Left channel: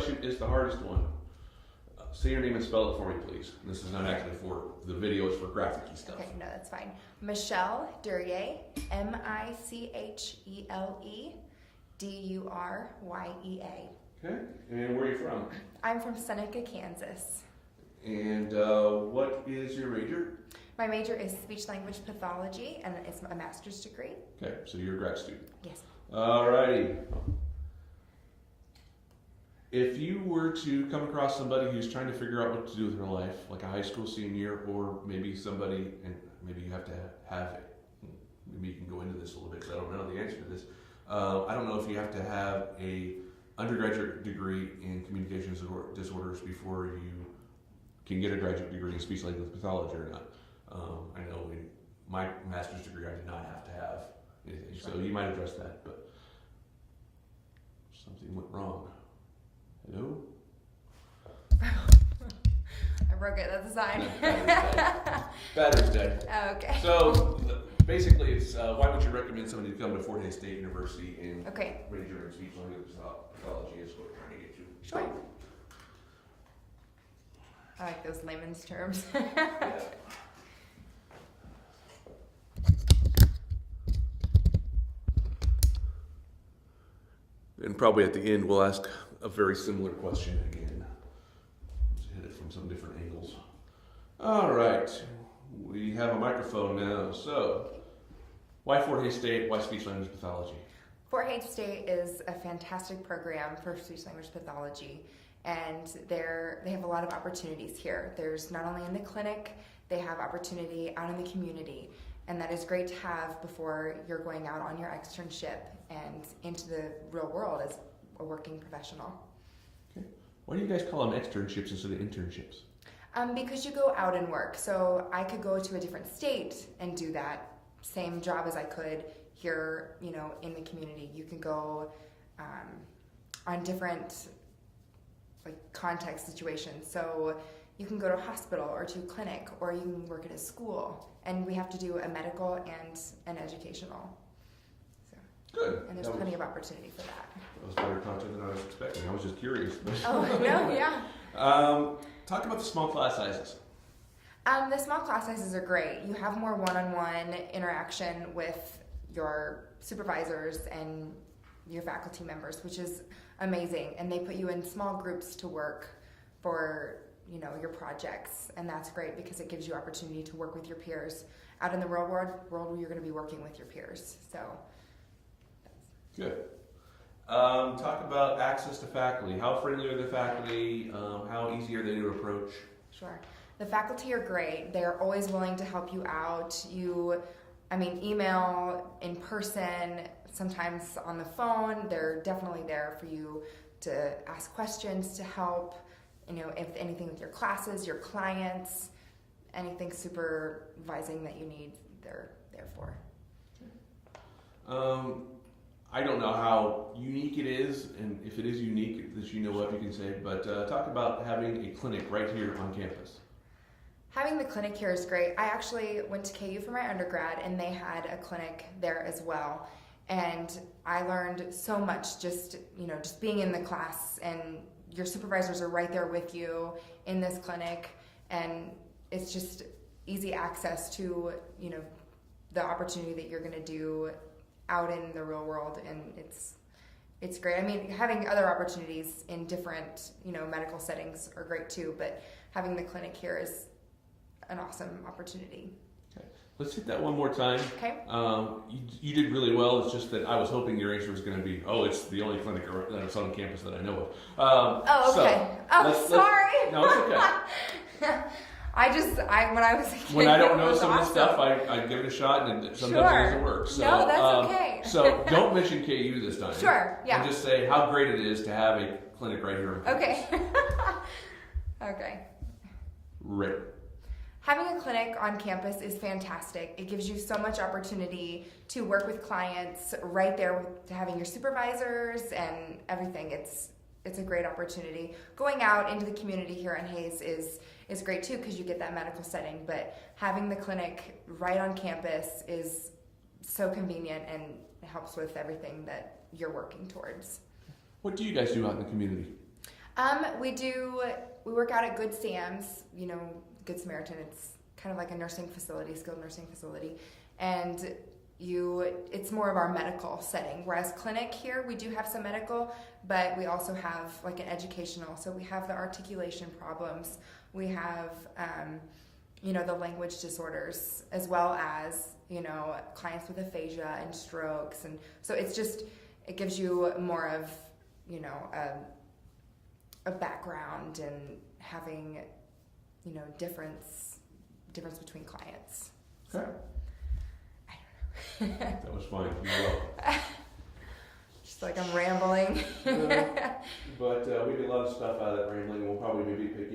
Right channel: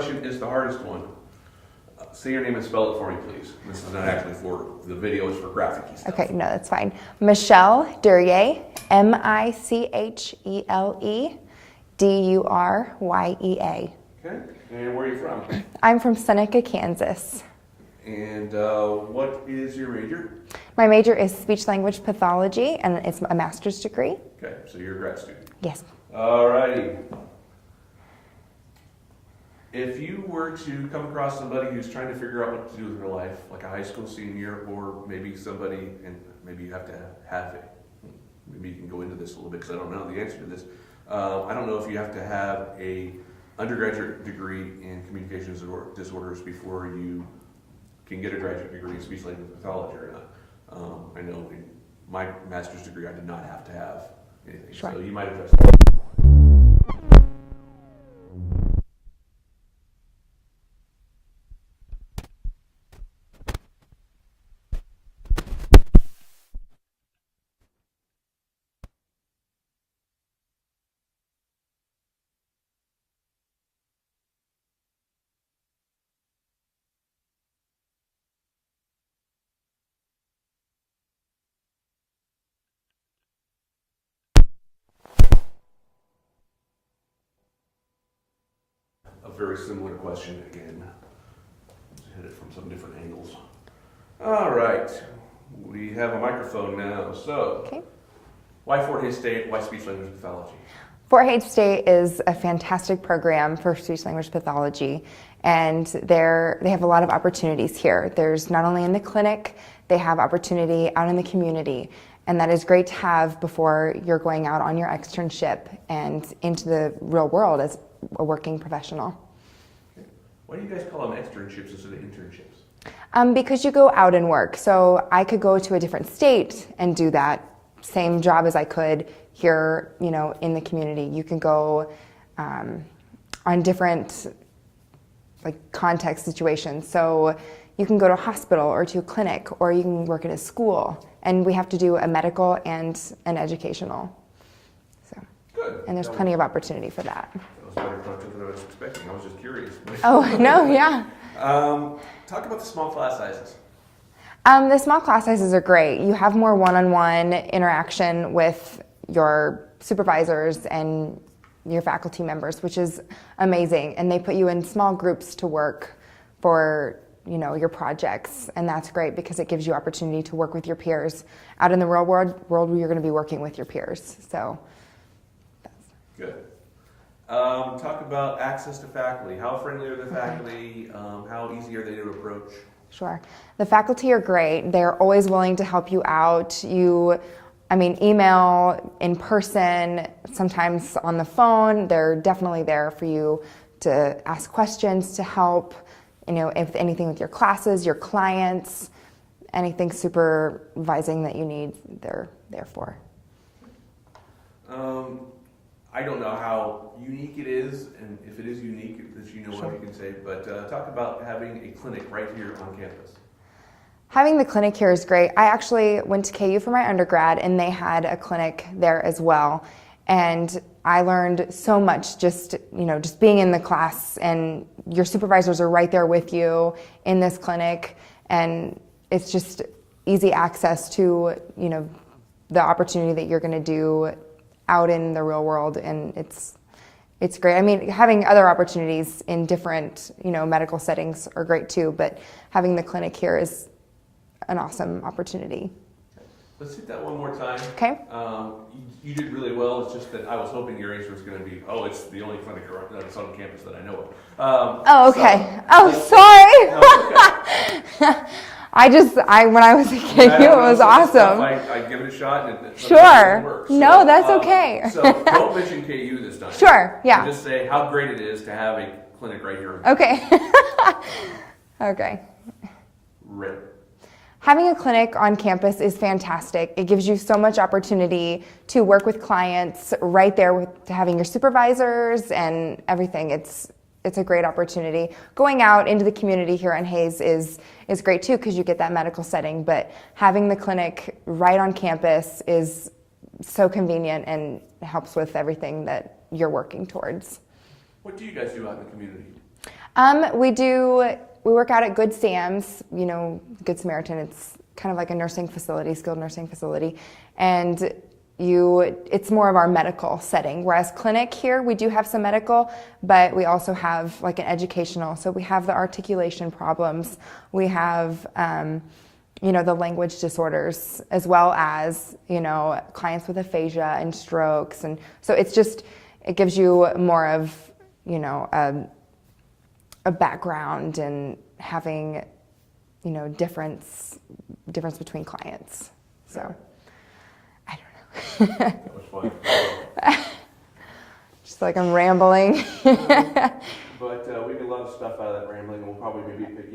Question is the hardest one. Say your name and spell it for me, please. This is not actually for the video, it's for graphic stuff. Okay, no, that's fine. Michelle Durye, Michelledurya. Okay, and where are you from? I'm from Seneca, Kansas. And what is your major? My major is speech language pathology, and it's a master's degree. Okay, so you're a grad student. Yes. Alrighty. If you were to come across somebody who's trying to figure out what to do with their life, like a high school senior, or maybe somebody, and maybe you have to have it. Maybe you can go into this a little bit because I don't know the answer to this. I don't know if you have to have a undergraduate degree in communications disorders before you can get a graduate degree in speech language pathology or not. I know in my master's degree I did not have to have anything, Sure. so you might address that. Something went wrong. Hello? I broke it, that's a sign. Battery's dead. Oh, okay. So basically, it's why would you recommend somebody to come to Fort Hays State University and Okay. major in speech language pathology is what we're trying to get you. Sure. I like those layman's terms. And probably at the end, we'll ask a very similar question again. Hit it from some different angles. All right. We have a microphone now. So, Okay. why Fort Hays State? Why speech language pathology? Fort Hays State is a fantastic program for speech language pathology, and they have a lot of opportunities here. There's not only in the clinic, they have opportunity out in the community, and that is great to have before you're going out on your externship and into the real world as a working professional. Okay. Why do you guys call them externships instead of internships? Because you go out and work. So I could go to a different state and do that same job as I could here, in the community. You can go on different context situations. So you can go to a hospital or to a clinic, or you can work at a school. And we have to do a medical and an educational. So, Good. and there's plenty of opportunity for that. That was better productive than I was expecting. I was just curious. Oh, no, yeah. Talk about the small class sizes. The small class sizes are great. You have more one-on-one interaction with your supervisors and your faculty members, which is amazing. And they put you in small groups to work for, your projects. And that's great because it gives you opportunity to work with your peers. Out in the real world you're going to be working with your peers. So Good. Talk about access to faculty. How friendly are the faculty? How easy are they to approach? Sure. The faculty are great. They're always willing to help you out. Email, in person, sometimes on the phone. They're definitely there for you to ask questions, to help, if anything with your classes, your clients, anything supervising that you need, they're there for. I don't know how unique it is, and if it is unique that you know Sure. of, you can say, but talk about having a clinic right here on campus. Having the clinic here is great. I actually went to KU for my undergrad, and they had a clinic there as well. And I learned so much just being in the class, and your supervisors are right there with you in this clinic, and it's just easy access to, the opportunity that you're going to do out in the real world, and it's great. Having other opportunities in different, medical settings are great too, but having the clinic here is an awesome opportunity. Let's hit that one more time. Okay. You did really well. It's just that I was hoping your answer was going to be, it's the only clinic that's on campus that I know of. Okay. So, Sorry. okay. When I was a kid, it was awesome. I'd give it a shot and it Sure. work. No, that's okay. So don't mention KU this time. Sure, yeah. Just say how great it is to have a clinic right here. Okay. Okay. Right. Having a clinic on campus is fantastic. It gives you so much opportunity to work with clients right there with having your supervisors and everything. It's a great opportunity. Going out into the community here on Hays is great too because you get that medical setting, but having the clinic right on campus is so convenient and helps with everything that you're working towards. What do you guys do out in the community? We work out at Good Sam's, Good Samaritan. It's kind of like a nursing facility, skilled nursing facility. And it's more of our medical setting. Whereas clinic here, we do have some medical, but we also have like an educational. So we have the articulation problems. We have, the language disorders, as well as, clients with aphasia and strokes. And so it gives you more of, a background and having, difference between clients. So, I don't know. That was fun. Just like I'm rambling. But we get a lot of stuff out of that rambling, and we'll probably maybe pick,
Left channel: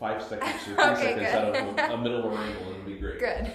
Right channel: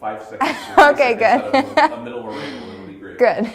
like 5 seconds. Okay, good. Out of a middle of a ramble, that'll be great. Good.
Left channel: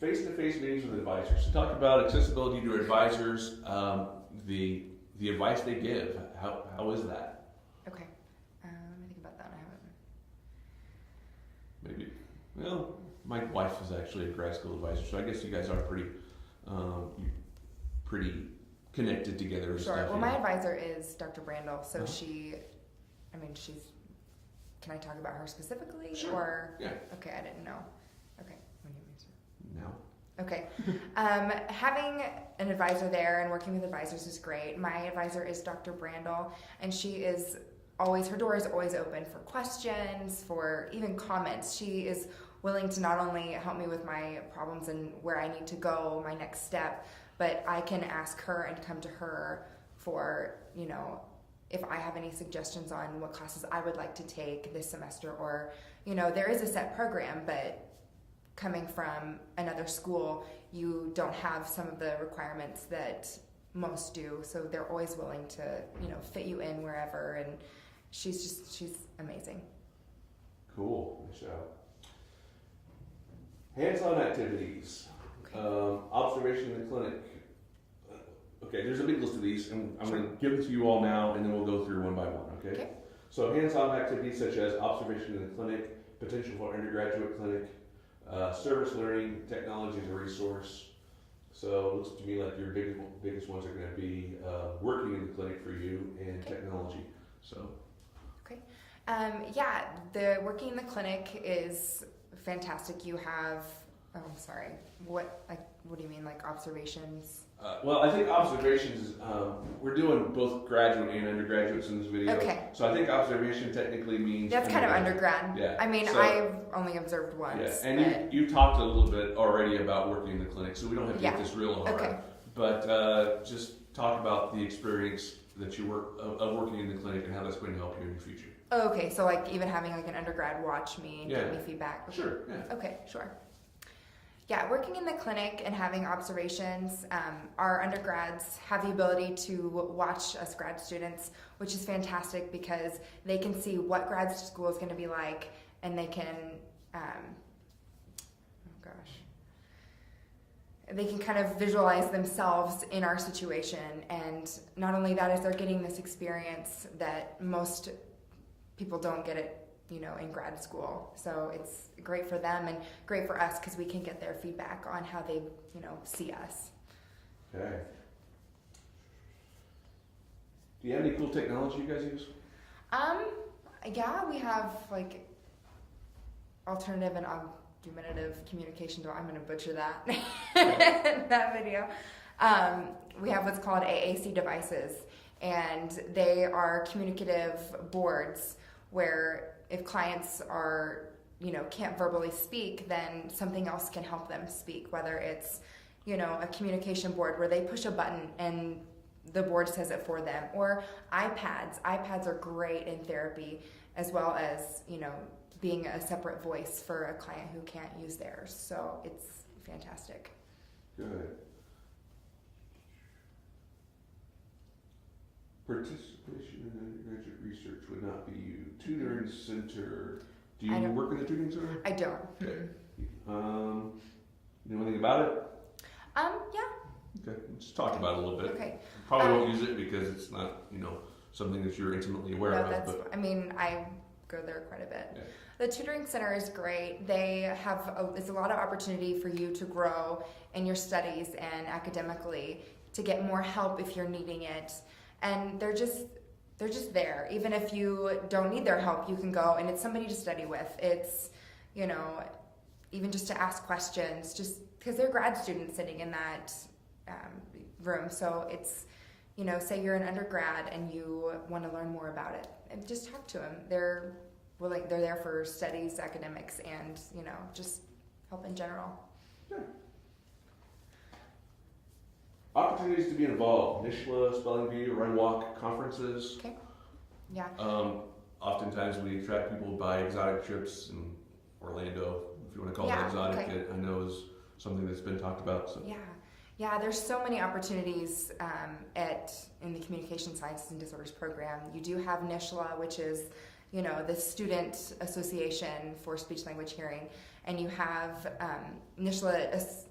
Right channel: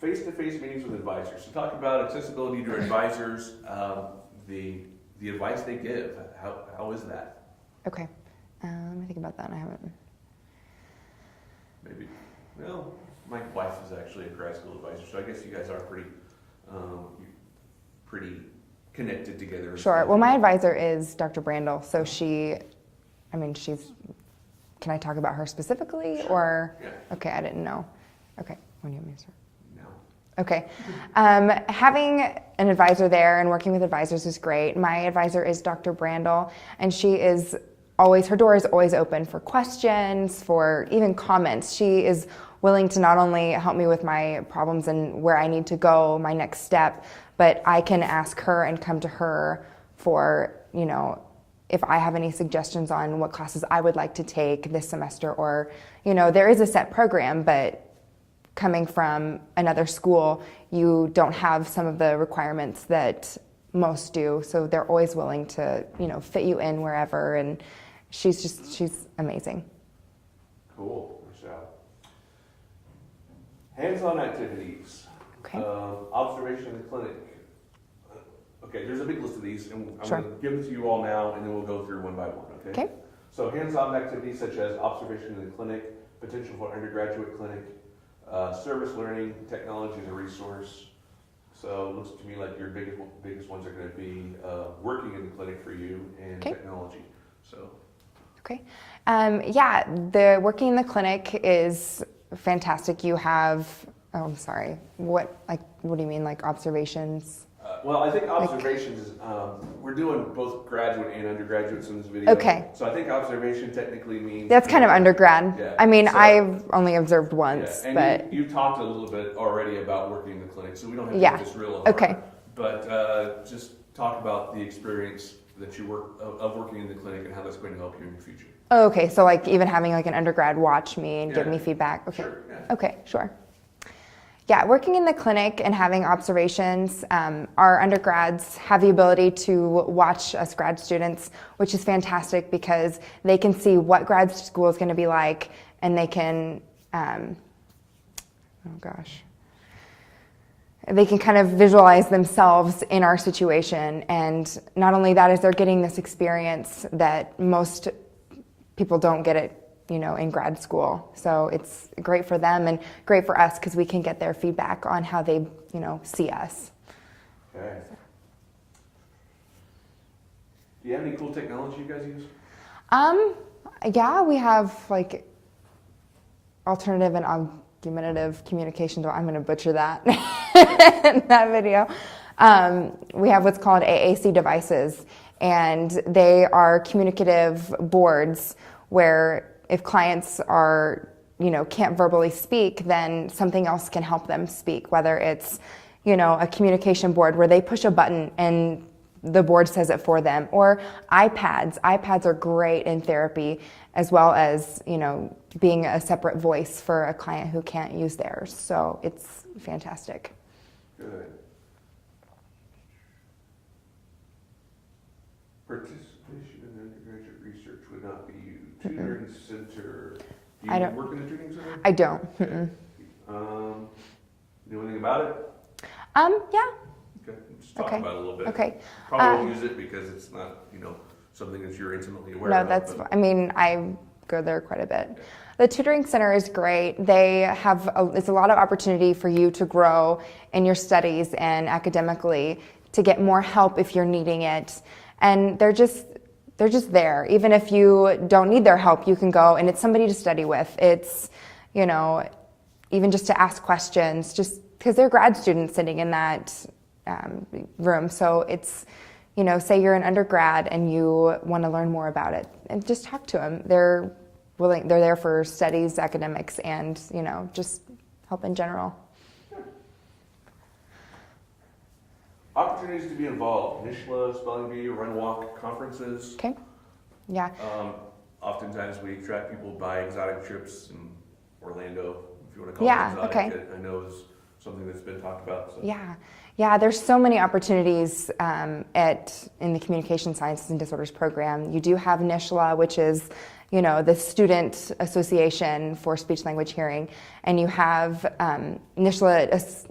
Face-to-face meetings with advisors. So talk about accessibility to advisors, the advice they give. How is that? Okay. Let me think about that. I haven't. Maybe. Well, my wife is actually a grad school advisor, so I guess you guys are pretty connected together. Sure. Well, my advisor is Dr. Brandel, so she's. Can I talk about her specifically, Sure. or? Yeah. Okay, I didn't know. Okay. When do you want me to start? No. Okay. Having an advisor there and working with advisors is great. My advisor is Dr. Brandel, and her door is always open for questions, for even comments. She is willing to not only help me with my problems and where I need to go, my next step, but I can ask her and come to her for, if I have any suggestions on what classes I would like to take this semester, or, there is a set program, but coming from another school, you don't have some of the requirements that most do. So they're always willing to, fit you in wherever. And she's amazing. Cool. Nice job. Hands-on activities. Okay. Observation in the clinic. Okay, there's a big list of these, and I'm Sure. going to give it to you all now, and then we'll go through one by one, okay? Okay. So hands-on activities such as observation in the clinic, potential for undergraduate clinic, service learning, technology as a resource. So it looks to me like your biggest ones are going to be working in the clinic for you and Okay. technology. So. Okay. The working in the clinic is fantastic. You have, I'm sorry, what do you mean, like observations? Well, I think observations is, we're doing both graduate and undergraduates in this video. Okay. So I think observation technically means... That's kind of undergrad. Yeah. I've only observed once, yeah. And but... you talked a little bit already about working in the clinic, so we don't have to Yeah. make this real hard. Okay. But just talk about the experience that you of working in the clinic and how that's going to help you in the future. Oh, okay. So even having an undergrad watch me and give Yeah. me feedback. Okay. Sure. Yeah. Okay, sure. Yeah, working in the clinic and having observations, our undergrads have the ability to watch us grad students, which is fantastic because they can see what grad school is going to be like, and they can, they can kind of visualize themselves in our situation. And not only that, is they're getting this experience that most people don't get it, in grad school. So it's great for them and great for us because we can get their feedback on how they, see us. Okay. Do you have any cool technology you guys use? Yeah, we have alternative and augmentative communication. I'm going to butcher that in that video. We have what's called AAC devices, and they are communicative boards where if clients are, can't verbally speak, then something else can help them speak, whether it's, a communication board where they push a button and the board says it for them, or iPads. iPads are great in therapy, as well as, being a separate voice for a client who can't use theirs. So it's fantastic. Good. Participation in undergraduate research would not be you. Tutoring center. Do you work in the tutoring center? I don't. Know anything about it? Yeah. Okay, just talk Okay. about it a little bit. Okay. Probably won't use it because it's not, something that you're intimately aware of. No, that's, but- I go there quite a bit. Yeah. The tutoring center is great. They have, it's a lot of opportunity for you to grow in your studies and academically, to get more help if you're needing it. And they're just there. Even if you don't need their help, you can go, and it's somebody to study with. It's, you know, even just to ask questions, just because they're grad students sitting in that room. So it's, you know, say you're an undergrad and you want to learn more about it, and just talk to them. They're willing. They're there for studies, academics, and, you know, just help in general. Opportunities to be involved: NSHLA, Spelling Bee, Run Walk, conferences. Okay. Yeah. Oftentimes we attract people by exotic trips, in Orlando, if you want to call Yeah, it exotic, okay. I know is something that's been talked about. So. Yeah. There's so many opportunities in the Communication Sciences and Disorders program. You do have NSHLA, which is, you know, the Student Association for Speech Language Hearing, and you have NSHLA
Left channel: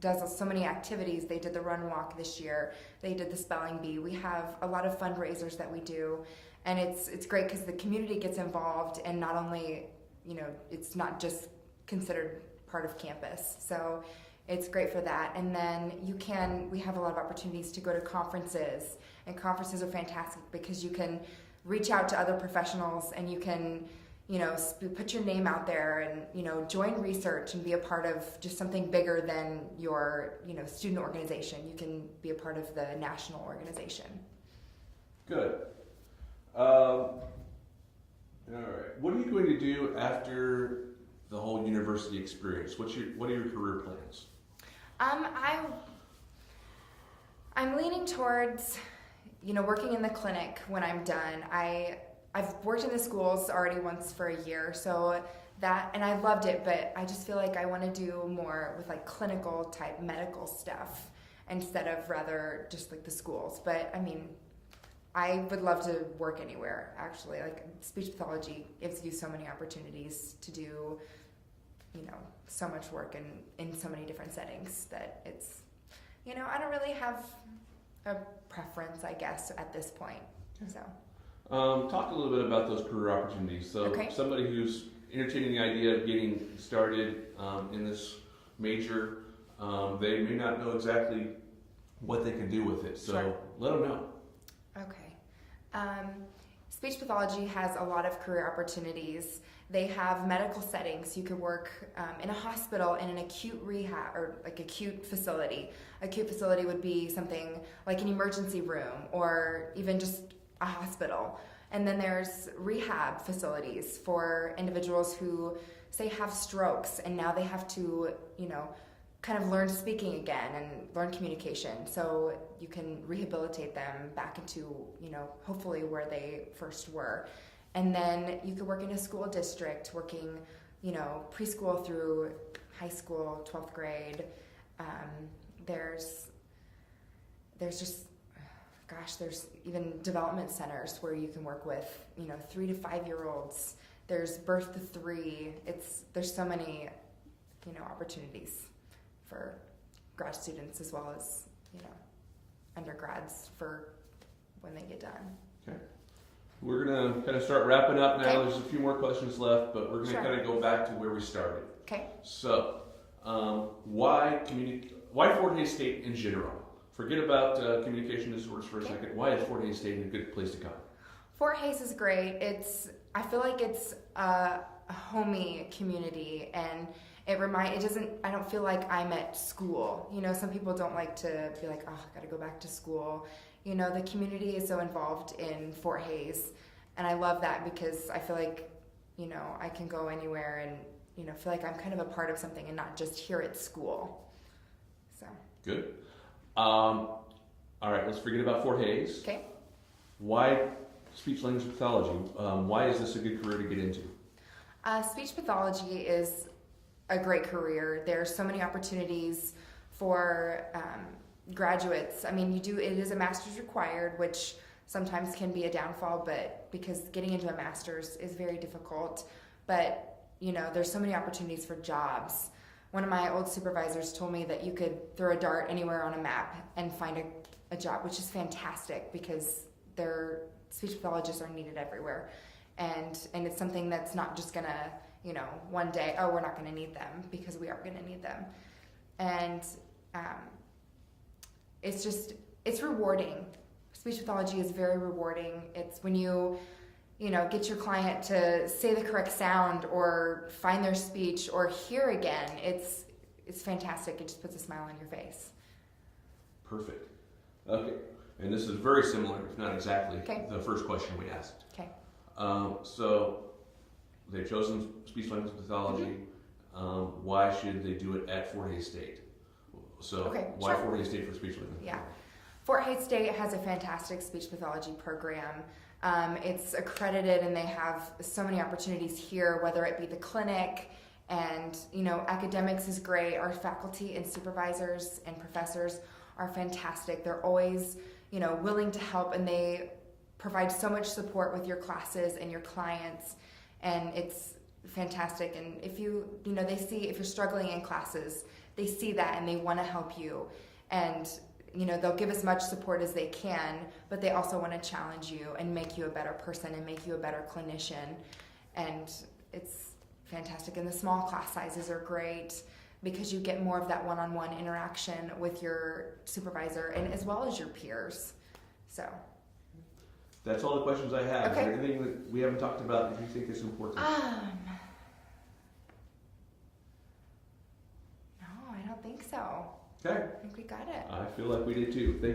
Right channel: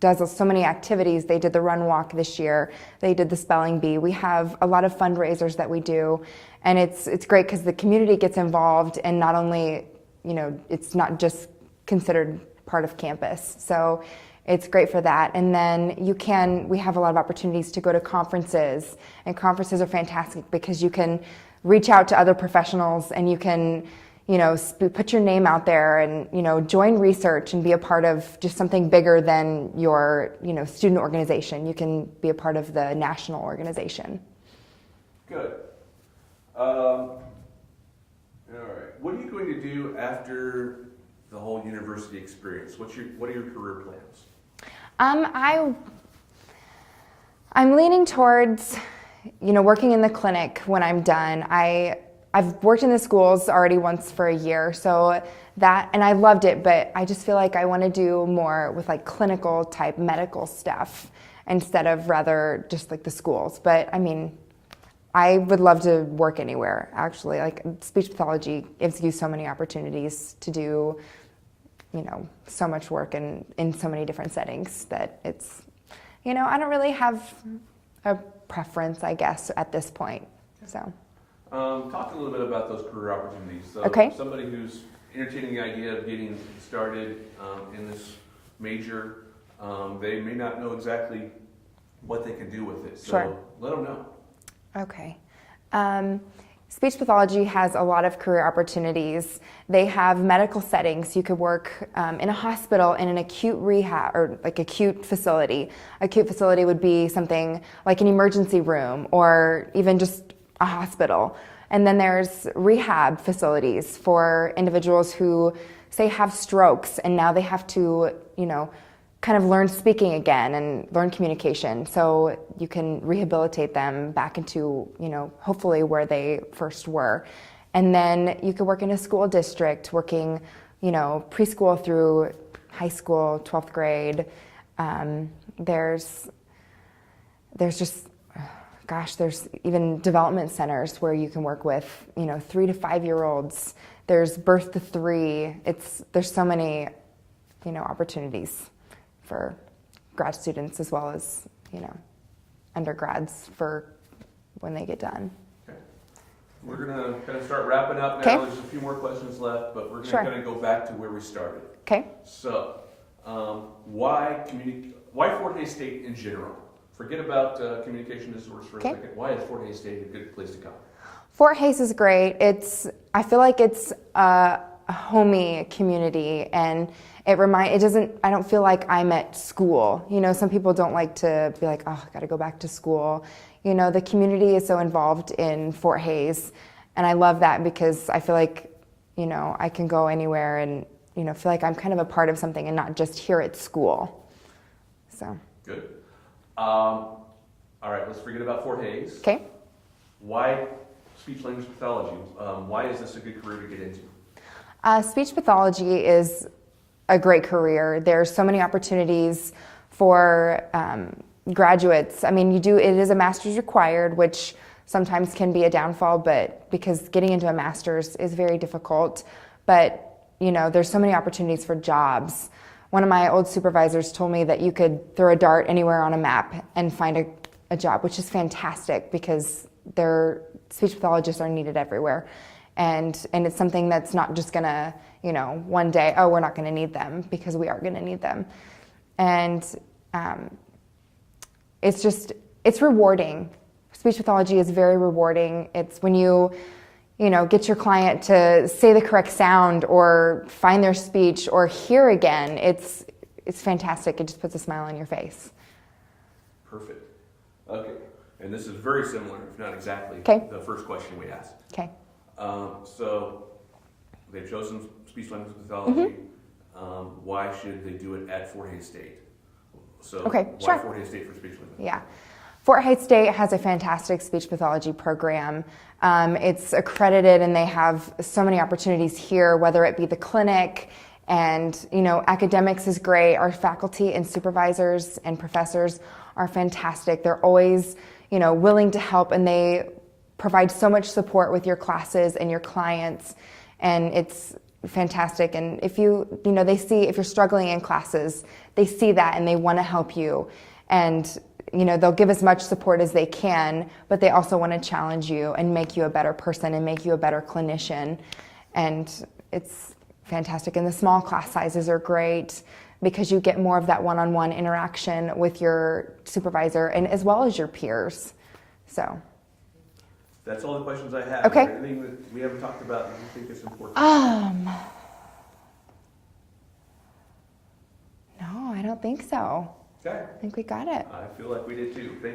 does so many activities. They did the Run Walk this year. They did the Spelling Bee. We have a lot of fundraisers that we do, and it's great because the community gets involved, and not only, you know, it's not just considered part of campus. So it's great for that. And then we have a lot of opportunities to go to conferences, and conferences are fantastic because you can reach out to other professionals, and you can, you know, put your name out there, and, you know, join research and be a part of just something bigger than your, you know, student organization. You can be a part of the national organization. Good. All right. What are you going to do after the whole university experience? What are your career plans? I'm leaning towards, you know, working in the clinic when I'm done. I've worked in the schools already once for a year, so that, and I loved it, but I just feel like I want to do more with like clinical type medical stuff instead of rather just like the schools. But I mean, I would love to work anywhere, actually. Like, speech pathology gives you so many opportunities to do, you know, so much work in so many different settings that it's, you know, I don't really have a preference, I guess, at this point. So. Talk a little bit about those career opportunities. So Okay. Somebody who's entertaining the idea of getting started in this major, they may not know exactly what they can do with it. So Sure. let them know. Okay. Speech pathology has a lot of career opportunities. They have medical settings. You could work in a hospital in an acute rehab or like acute facility. Acute facility would be something like an emergency room or even just a hospital. And then there's rehab facilities for individuals who, say, have strokes and now they have to, you know, kind of learn speaking again and learn communication. So you can rehabilitate them back into, you know, hopefully where they first were. And then you could work in a school district, working, you know, preschool through high school, 12th grade. There's just, gosh, there's even development centers where you can work with, you know, 3 to 5 year olds. There's birth to 3. There's so many, you know, opportunities for grad students as well as, you know, undergrads for when they get done. Okay. We're going to kind of start wrapping up now. Okay. There's a few more questions left, but we're going to Sure. kind of go back to where we started. Okay. So, why Fort Hays State in general? Forget about communication disorders for a Okay. second. Why is Fort Hays State a good place to come? Fort Hays is great. I feel like it's a homey community, and I don't feel like I'm at school. You know, some people don't like to be like, oh, I gotta go back to school. You know, the community is so involved in Fort Hays, and I love that because I feel like, you know, I can go anywhere and, you know, feel like I'm kind of a part of something and not just here at school. So. Good. All right, let's forget about Fort Hays. Okay. Why speech language pathology? Why is this a good career to get into? Speech pathology is a great career. There's so many opportunities for graduates. I mean, it is a master's required, which sometimes can be a downfall, but because getting into a master's is very difficult. But, you know, there's so many opportunities for jobs. One of my old supervisors told me that you could throw a dart anywhere on a map and find a job, which is fantastic because speech pathologists are needed everywhere. And it's something that's not just gonna, you know, one day, oh, we're not gonna need them, because we are gonna need them. And it's rewarding. speech pathology is very rewarding. It's when you know, get your client to say the correct sound or find their speech or hear again. It's fantastic. It just puts a smile on your face. Perfect. Okay. And this is very similar, if not exactly, Okay. the first question we asked. Okay. So they've chosen speech language pathology. Why should they do it at Fort Hays State? So Okay, why sure. Fort Hays State for speech language? Yeah. Fort Hays State has a fantastic speech pathology program. It's accredited and they have so many opportunities here, whether it be the clinic and, you know, academics is great. Our faculty and supervisors and professors are fantastic. They're always, you know, willing to help, and they provide so much support with your classes and your clients, and it's fantastic. And if you know, they see if you're struggling in classes, they see that and they want to help you. And you know, they'll give as much support as they can, but they also want to challenge you and make you a better person and make you a better clinician. And it's fantastic. And the small class sizes are great because you get more of that one-on-one interaction with your supervisor and as well as your peers. So That's all the questions I have. Okay. Is there anything that we haven't talked about that you think is important? No, I don't think so. Okay. I think we got it. I feel like we did too. Thank